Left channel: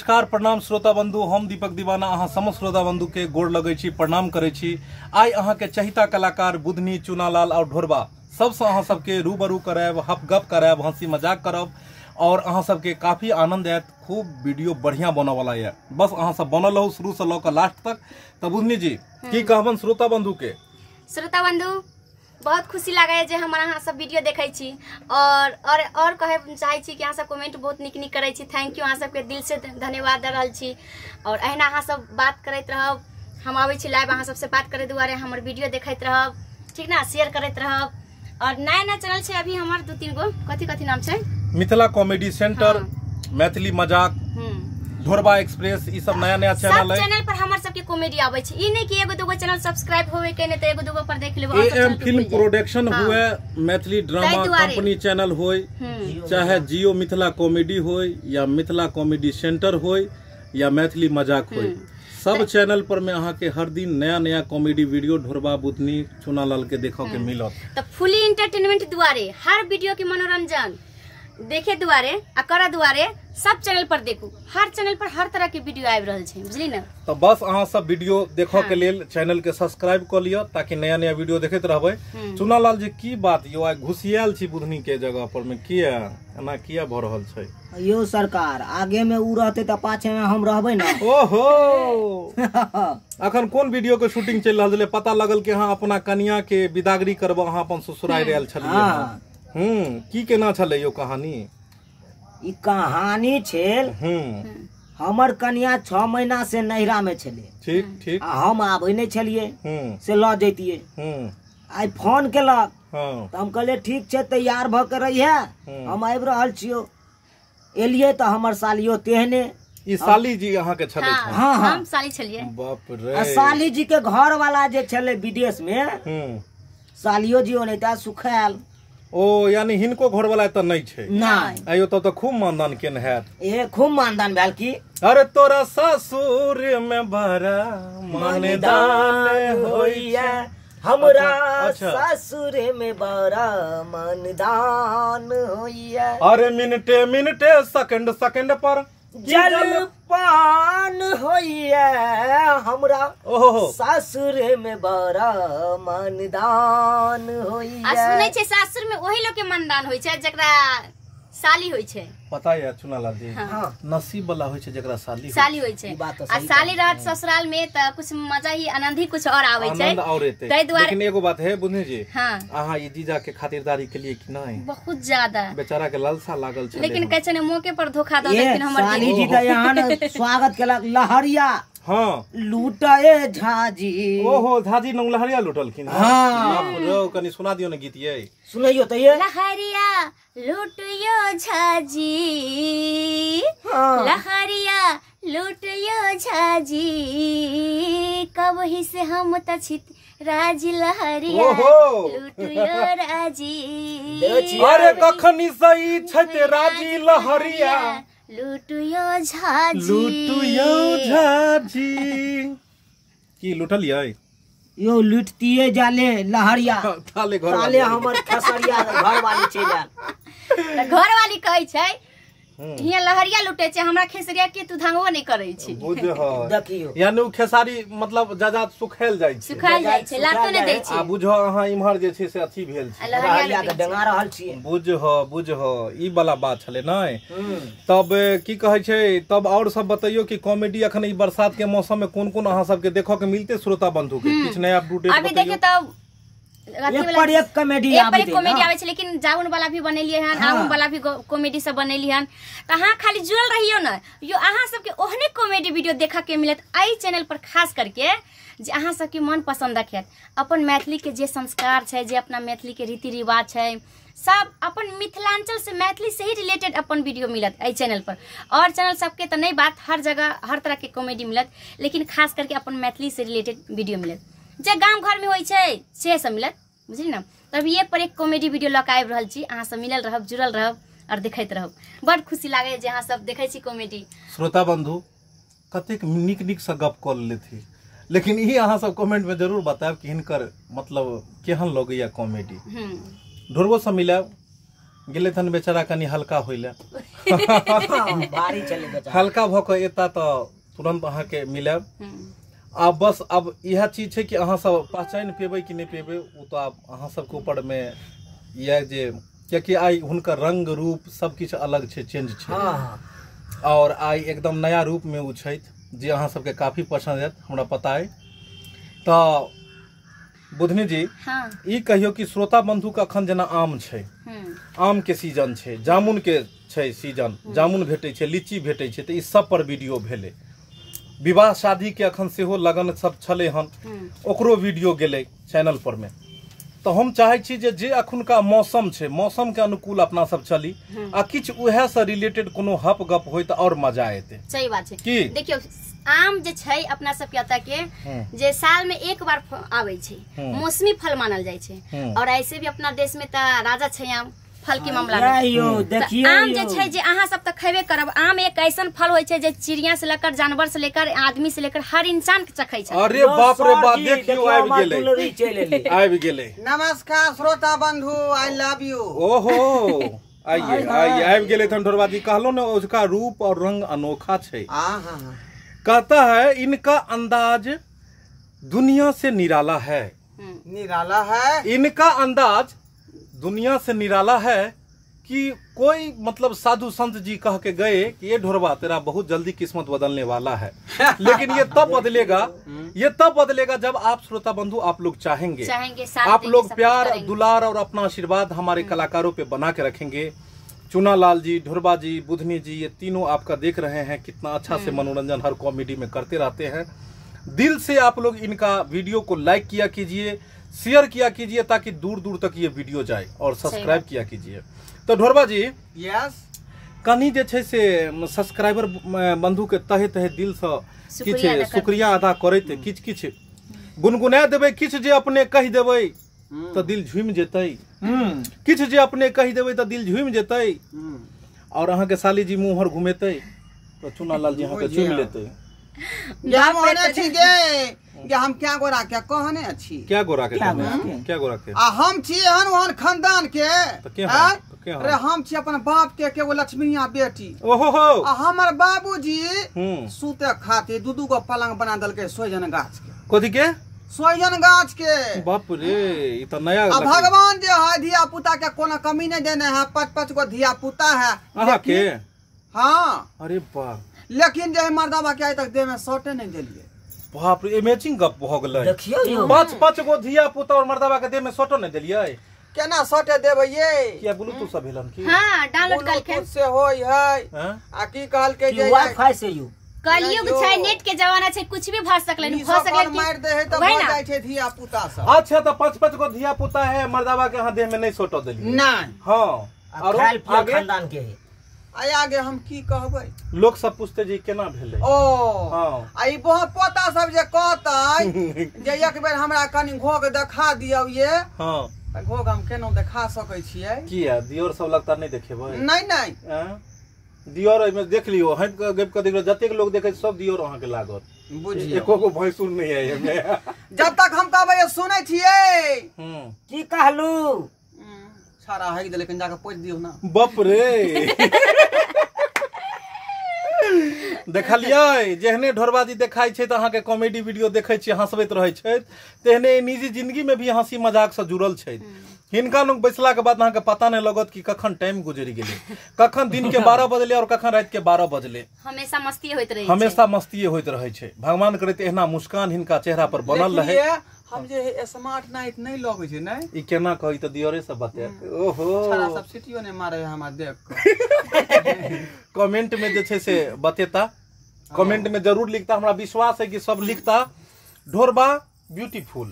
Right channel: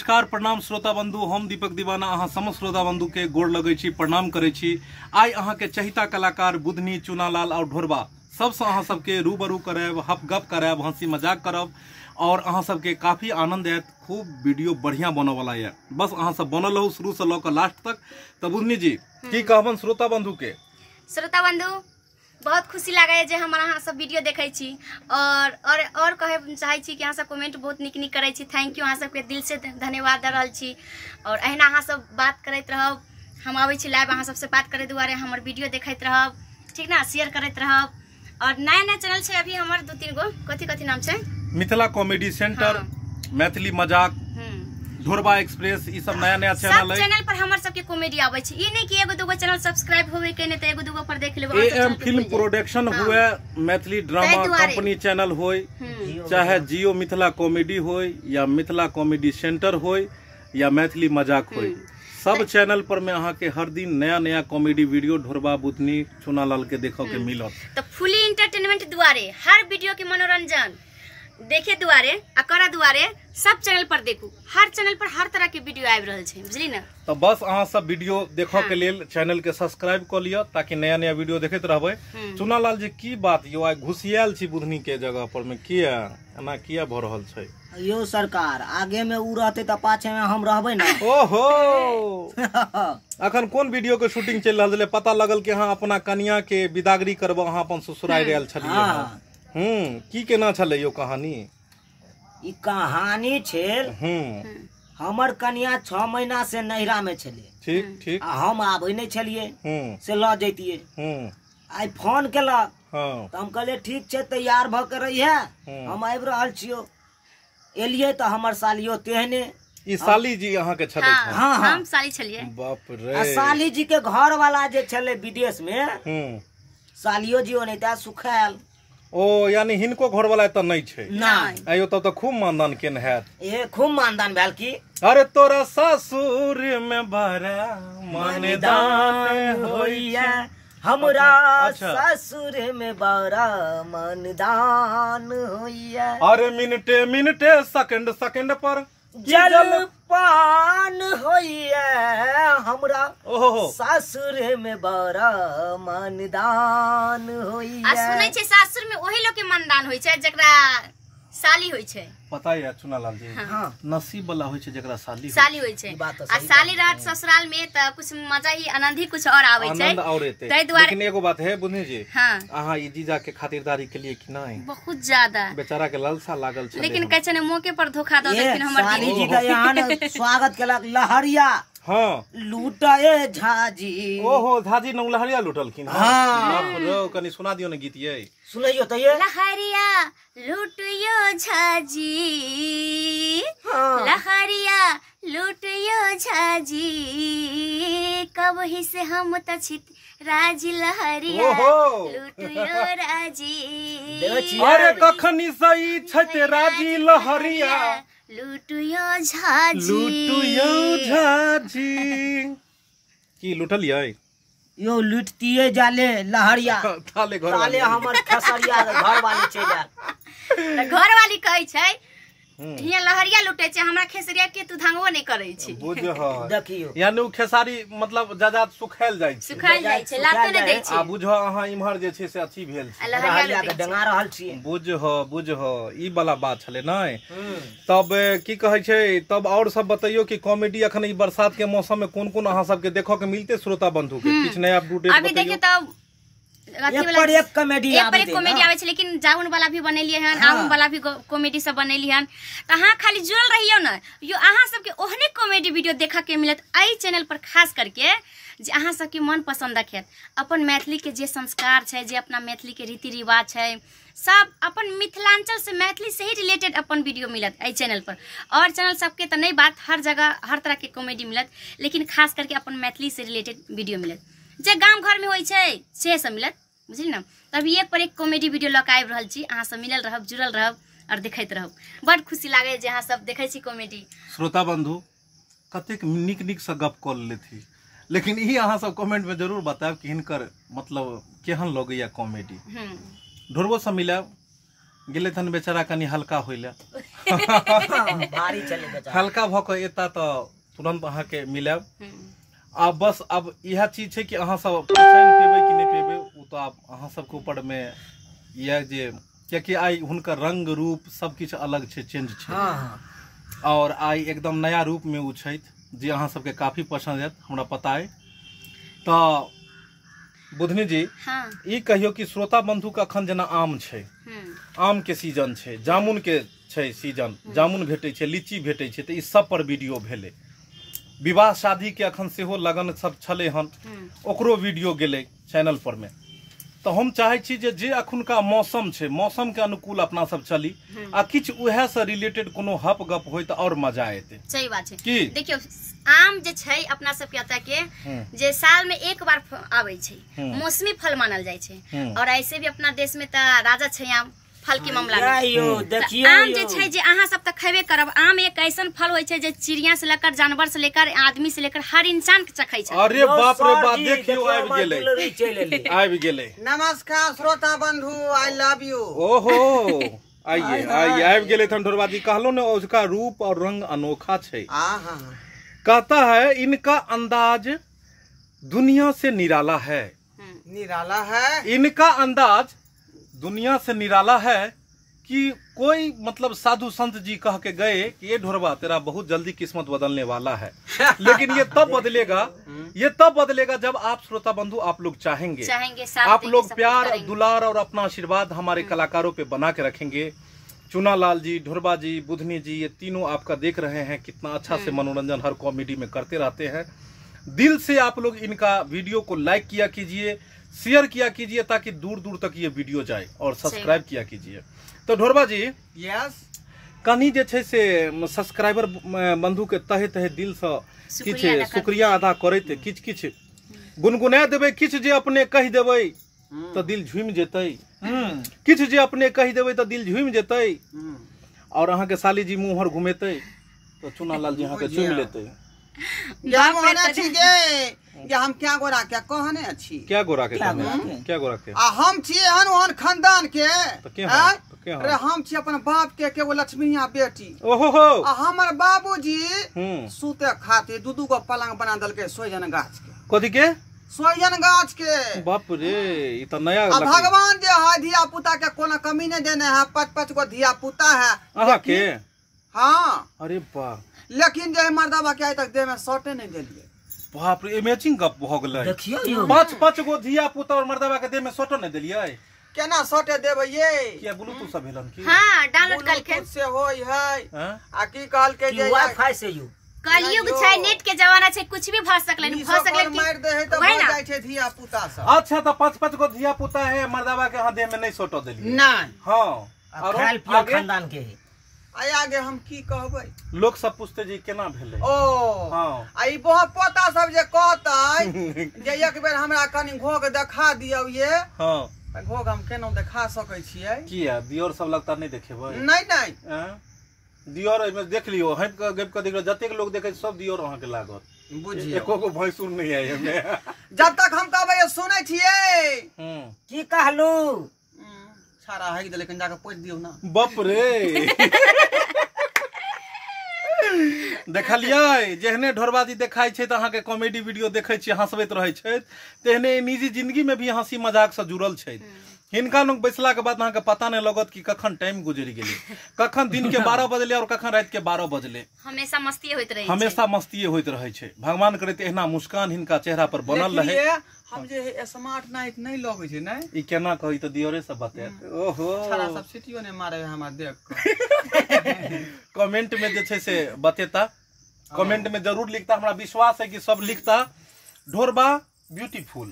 नमस्कार प्रणाम श्रोता बंधु, हम दीपक दीवाना अहाँ समस्त श्रोता बंधु के गोड़ लगै छी, प्रणाम करै छी। आई अहाँ के चहिता कलाकार बुधनी, चुनालाल और ढोरबा सबसे अहाँ सबके रूबरू करायब, हप गप करायब, हंसी मजाक करब और अहाँ सबके काफी आनंद आयत। खूब वीडियो बढ़िया बने वाला है, बस अहाँ सब बनल रहू शुरू से लऽ लास्ट तक। तो बुधनी जी की कहबन श्रोता बंधु के? श्रोता बंधु बहुत खुशी लगे जे हमारा अहाँ सब वीडियो देखे छी और कहे चाहे छी कि अहाँ सब कमेंट बहुत निक निक करे छी। थैंक यू, अहाँ सबके दिल से धन्यवाद दे रहल छी। और अहिना अहाँ सब बात करते रहब, हम आबै छी लाइव अहाँ सबसे बात करे दुआरे, हमर वीडियो देखते रहब, ठीक ना, शेयर करते रहब। और नया नया चैनल छै अभी हमर 2-3 गो, कथी नाम छै? मिथिला कॉमेडी सेंटर, मैथिली मजाक, ढोरबा एक्सप्रेस, ई सब नया नया चैनल है। चैनल पर हमर सबके कॉमेडी आबै छै, ई नै कि एगो दूगो चैनल सब्सक्राइब होवे के नै त एगो दूगो पर देख लेबो। एएम फिल्म प्रोडक्शन हुए, मैथिली ड्रामा कंपनी चैनल होय, चाहे जियो मिथिला कॉमेडी होय या मिथिला कॉमेडी सेंटर होय या मैथिली मजाक होय, सब चैनल पर में अहाँ के हर दिन नया नया कॉमेडी वीडियो ढोरबा, बुधनी, चुनालाल के देखो के मिलत। तो फुली एंटरटेनमेंट दुआरे हर वीडियो के मनोरंजन देखे दुआरे आ करा दुआरे सब चैनल पर देखू, हर चैनल पर हर तरह के वीडियो आबि रहल छै, बुझली ना। तो बस अहाँ सब वीडियो देखो के लेल चैनल के सब्सक्राइब कर लियो ताकि नया नया वीडियो देखते रहबे। चुनालाल जी की बात यो आइ घुसियाल छी बुधनी के जगह पर में, किया एना किया भ रहल छै? यो सरकार आगे में उ रहते त पाछे में हम रहबे ना। ओहो अखन कोन वीडियो के शूटिंग चल रहल छले? पता लगल कि अहाँ अपना कन्या के विदागरी करबो, अहाँ अपन ससुराल रहल छलिए। की केना छले यो कहानी? ई कहानी छेल हमर कन्या 6 महीना से नैहरा में छले, ठीक ठीक, आ हम आबै नै छलिए से ल जैतिए। आई फोन केलक त हम कहले ठीक छै, तैयार भ के रहिए, हम आबि रहल छियो। एलिए त हमर सालियो तेहने। ई साली जी अहाँ के छले? हां हम साली छलिए। बाप रे, आ साली जी के घर वाला जे छले विदेश में, सालियो जी ओनैता सुखायल। ओ यानी हिनको घर वाला त नहीं छै? नहीं। आयो तो खूब मानदान केन है। ए खूब मानदान भेल की? अरे तोरा ससुर में बड़ा मानदान होइया, हमरा ससुर में बड़ा मानदान होइया। अरे मिनटे मिनटे सेकंड सेकंड पर जलपान होइया, हमरा सासुर में बड़ा मानदान होइया। आ सुनै छै सासुर में ओही लोग के मानदान होय छै जेकरा साली होय छै। पता है चुनालाल जी, नसीब वाला होय छै जेकरा साली होय छै। आ साली रहत ससुराल में त कुछ मजा ही, आनंद ही कुछ और आबै छै। तै दुआरे लेकिन एगो बात है बुधनी जी, हां अहाँ ई जीजा के खातिरदारी के लिए कि नहीं? बहुत ज्यादा। बेचारा के लालसा लागल छै, लेकिन कहै छै ने मौके पर धोखा द देथिन हमर साली जी का यहाँ न स्वागत केलक लहरिया। हाँ लूटाए झाजी। ओहो झाजी न लहरिया लूटलखिन। हां कनी सुना दियो न गीत ये, सुनैयो त ये। लहरिया लूटियो झाजी, लहरिया लूटियो झाजी, कबही से हम त छित राजी लहरिया लूटियो राजी। अरे कखनी सही छत राजी लहरिया लूटियो झाजी, लूटियो झाजी। की लूटलियै? यो लुटतिए जाले लहरिया, ताले हमर खसरिया घर वाली चल घर वाली कहै छै हियां लहरिया लुटे छै, हमरा खेसरिया के तू धांगो नै करै छी। बुझ देखियो यानी उ खेसारी मतलब जाजा सुखायल जाय छै, सुखायल जाय छै, लातो नै दै छै। आ बुझ अहाँ इम्हर जे छै से अथी भेल छै, लहरिया के डंगा रहल छियै। बुझ ई वाला बात छले नै। तब की कहै छै, तब और सब बताइयो कि कॉमेडी अखन ई बरसात के मौसम में कोन कोन अहाँ सब के देखो के मिलते श्रोता बंधु के? किछ नया अपडेट अभी देखिए तब एक कॉमेडी आबै छै, लेकिन जाउन वाला भी बनेलिए हन, आउन वाला भी कॉमेडी सब बनेलिए हन। त अहाँ खाली जुड़ल रहियो न, यो अहाँ सबके ओहने कॉमेडी वीडियो देखा के मिलत एई चैनल पर, खास करके जे अहाँ सबके मन पसंद रखत। अपन मैथिली के जे संस्कार छै, जे अपना मैथिली के रीति रिवाज छै, सब अपन मिथिलांचल से, मैथिली से ही रिलेटेड अपन वीडियो मिलत एई चैनल पर। और चैनल सबके त नहीं बात, हर जगह हर तरह के कॉमेडी मिलत, लेकिन खास करके अपन मैथिली से रिलेटेड वीडियो मिलत, जे गांव घर में होय छै से सब मिलत, बुझली ना। तभी एक पर एक कॉमेडी वीडियो लक आबि रहल छी, अहाँ सब मिलल रहब, जुड़ल रहब और देखैत रहब। बड़ खुशी लागे जे अहाँ सब देखै छी कॉमेडी। श्रोता बंधु कतेक निक निक से गप कऽ लेथि, लेकिन ई अहाँ सब कमेंट में जरूर बतायब कि हिनकर मतलब केहन लगैया कॉमेडी। ढोरबो से मिलब, गेले थन बेचारा कनी हल्का होइले भारी चले बेचारा हल्का भ के एता तो तुरंत अहाँ के मिलब आ बस अब यह चीज है कि अहाँ सब पहचान पेबे कि नहीं पेबे वो तो आप अहाँ सबके ऊपर में यह जे क्योंकि आई हुनकर रंग रूप सब किछ अलग छे चेंज छे और आई एकदम नया रूप में उ छै जे अहाँ सबके काफी पसंद है हमरा पता है तो बुधनी जी ई कहियो कि श्रोता बंधु के अखन जना आम छे आम के सीजन छे जामुन के छे सीजन जामुन भेटै छे लीची भेटै छे तो ई सब पर वीडियो भेले विवाह शादी के अखन सेहो लगन सब छले हन ओकरो वीडियो गेले चैनल पर में तो हम चाहे छी जे अखुनका मौसम छे मौसम के अनुकूल अपना सब चली आ किछ उहे से रिलेटेड कोनो हप गप होय त और मजा आते सही बात छे की देखियो आम जे छै अपना सब के एता के जे साल में एक बार आवे छै मौसमी फल मानल जाय छै और ऐसे भी अपना देश में त राजा छै आम फल के मामला में देखिए आम जे छै जे अहाँ सब त खैबे करब आम एक ऐसन फल होय छै जे चिड़िया से लेकर जानवर से लेकर आदमी से लेकर हर इंसान के चखै छै अरे बाप रे बाप देखियो आबि गेलै नमस्कार श्रोता बंधु आई लव यू ओहो आइए आइए आबि गेलै थन ढोरबाजी कहलो ने उसका रूप और रंग अनोखा छै कहता है इनका अंदाज दुनिया से निराला है निराला है इनका अंदाज दुनिया से निराला है कि कोई मतलब साधु संत जी कह के गए कि ये ढोरबा तेरा बहुत जल्दी किस्मत बदलने वाला है लेकिन ये तब बदलेगा जब आप श्रोता बंधु आप लोग चाहेंगे आप लोग प्यार दुलार और अपना आशीर्वाद हमारे कलाकारों पे बना के रखेंगे चुनालाल जी ढोरबा जी बुधनी जी ये तीनों आपका देख रहे हैं कितना अच्छा से मनोरंजन हर कॉमेडी में करते रहते हैं दिल से आप लोग इनका वीडियो को लाइक किया कीजिए शेयर किया कीजिए ताकि दूर दूर तक ये वीडियो जाए और सब्सक्राइब किया कीजिए तो ढोरबा जी यस कनी जे छै से सब्सक्राइबर बंधु के तहे तहे दिल से किछ शुक्रिया अदा करैत किछ किछ गुनगुना देबै किछ जे अपने कहि देबै तो दिल झूम जेतै किछ जे अपने कहि देबै तो दिल झूम जेतै और अहाँ के साली जी मुंह हर घुमेतै तो चुनालाल जी अहाँ के चुम लेतै क्या होना छी गे हम क्या गोरा क्या कहने अछि क्या गोरा के क्या गोरा के आ हम छी हन ओहन खानदान के अरे हम छी अपन बाप के एगो लक्ष्मीया बेटी ओहो आ हमर बाबूजी सूते खाते दू गो पलंग बना दलके सोजन गाछ के कथि के सोजन गाछ के बाप रे ई त नया भगवान जे है धिया पुता के कोनो कमी नहीं देने है 5-5 गो धिया पुता है अहाँ के हाँ अरे बा लेकिन जे मर्दाबा के आज तक देह में सटे नहीं देलिए बाप रे अमेजिंग गप भ गेलै देखियो 5-5 गो धिया पुता और मर्दाबा के देह में सटो नहीं देलिए केना सटे देबै ये किया ब्लूटूथ सब भेलन की हां डाउनलोड करके से होय है आ की कहल के जे वाईफाई से यू कलयुग छै नेट के जमाना छै कुछ भी भ सकलै मार दे है त भ जाय छै धिया पुता सब अच्छा त 5-5 गो धिया पुता है मर्दाबा के हां देह में नहीं सटो देलिए नहीं हां और खानदान के है आई आगे हम की कहबै लोग सब पूछते जी केना भेलै ओ हां आई बहुत पोता सब जे कहतै जे एक बेर हमरा कनी घोग देखा दियौ ये हां घोग हम केना देखा सकै छियै किया दियोर सब लगता नहीं देखेबै नहीं नहीं दियोर में देख लियो हम गप के देखो जतेक लोग देखे सब दियोर अहाँ के लागत बुझियो एको गो भैंसुर नहीं है एमे जब तक हम कहबै सुनै छियै की कहलू सारा है लेकिन जाके पोछ दियो ना बाप रे देखलियै जेहने ढोरबाजी देखाई छै त अहाँ के कॉमेडी वीडियो देखै छी हंसबैत रहै छै तेहने निजी जिंदगी में भी हंसी मजाक से जुड़ल छै हिनका लोग बैसला के बाद अहाँ के पता नहीं लगत कि कखन टाइम गुजरि गेलै कखन दिन के 12 बजले और कखन रात के 12 बजले हमेशा मस्ती होइत रहै हमेशा मस्ती होइत रहै छै भगवान करैत एहना मुस्कान हिनका चेहरा पर बनल रहे हम जे स्मार्ट नाइट नहीं लगे छै नै ई केना कहि त दियोरे सब बता ओहो सारा सब सिटियो ने मारे हमरा देख के कमेंट में जे छै से बतेता कमेंट में जरूर लिखता हमरा विश्वास है कि सब लिखता ढोरबा ब्यूटीफुल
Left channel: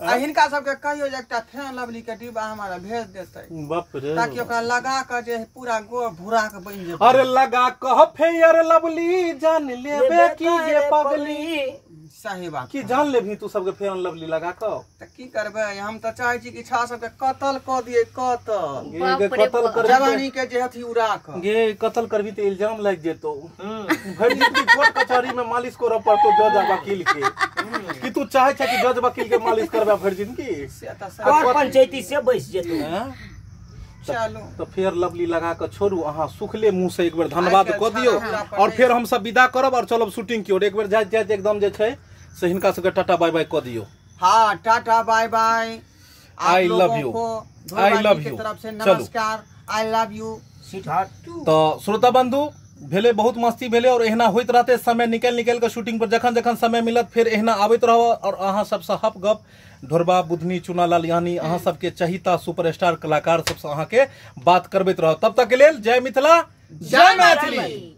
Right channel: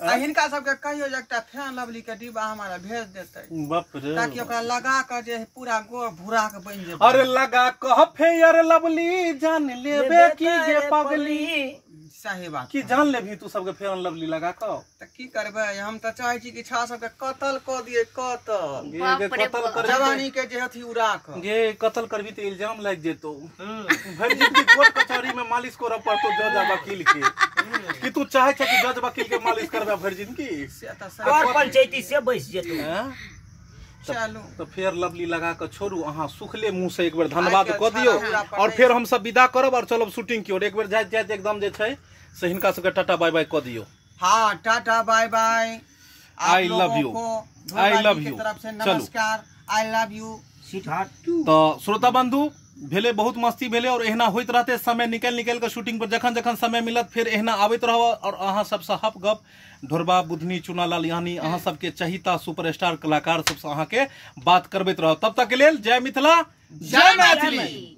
आ हिनका सबके कहियो जे एकटा फैन लवली के डिब्बा हमारा भेज देतै बाप रे ताकि ओकरा लगा के जे पूरा गो भूरा के बन जेतै अरे लगा कह फेयर लवली जान लेबे की गे पगली सही बात की जान लेबी तू सबके फेयर लवली लगा क त की करबै हम त चाहै छी कि छा सबके कत्ल क दिए कत्ल कर जवानी के जे हथी उड़ा क गे कत्ल करबी त इल्जाम लग जेतो भर जिंदगी कोर्ट कचहरी में मालिश करब पड़तो जज आ वकील के कि तू चाहे छ कि जज वकील के मालिश करबा भर जिंदगी और पंचायती से बैस जेतो चलू तो फेयर लवली लगा के छोड़ू अहाँ सुखले मुंह से एक बेर धन्यवाद कऽ दियौ और फिर हम सब विदा करब और चलब शूटिंग की ओर। एक बेर जाइत जाइत एकदम जे छै से हिनका सबके टाटा बाय बाय कऽ दियौ। हाँ tata bye bye. I love you, I love you, तरफ से नमस्कार, आई लव यू। तो श्रोता बंधु भेले बहुत मस्ती भेले और एहना होइत रहते समय निकल के शूटिंग पर जखन जखन समय मिलत फिर एहना आबैत रहब और अहाँ सबसे हप गप ढोरबा बुधनी चुनालाल यानी अहाँ सबके चहिता सुपरस्टार कलाकार सबसे अहाँ के बात करबैत रहब। तब तक के लेल जय मिथिला, जय मैथिली।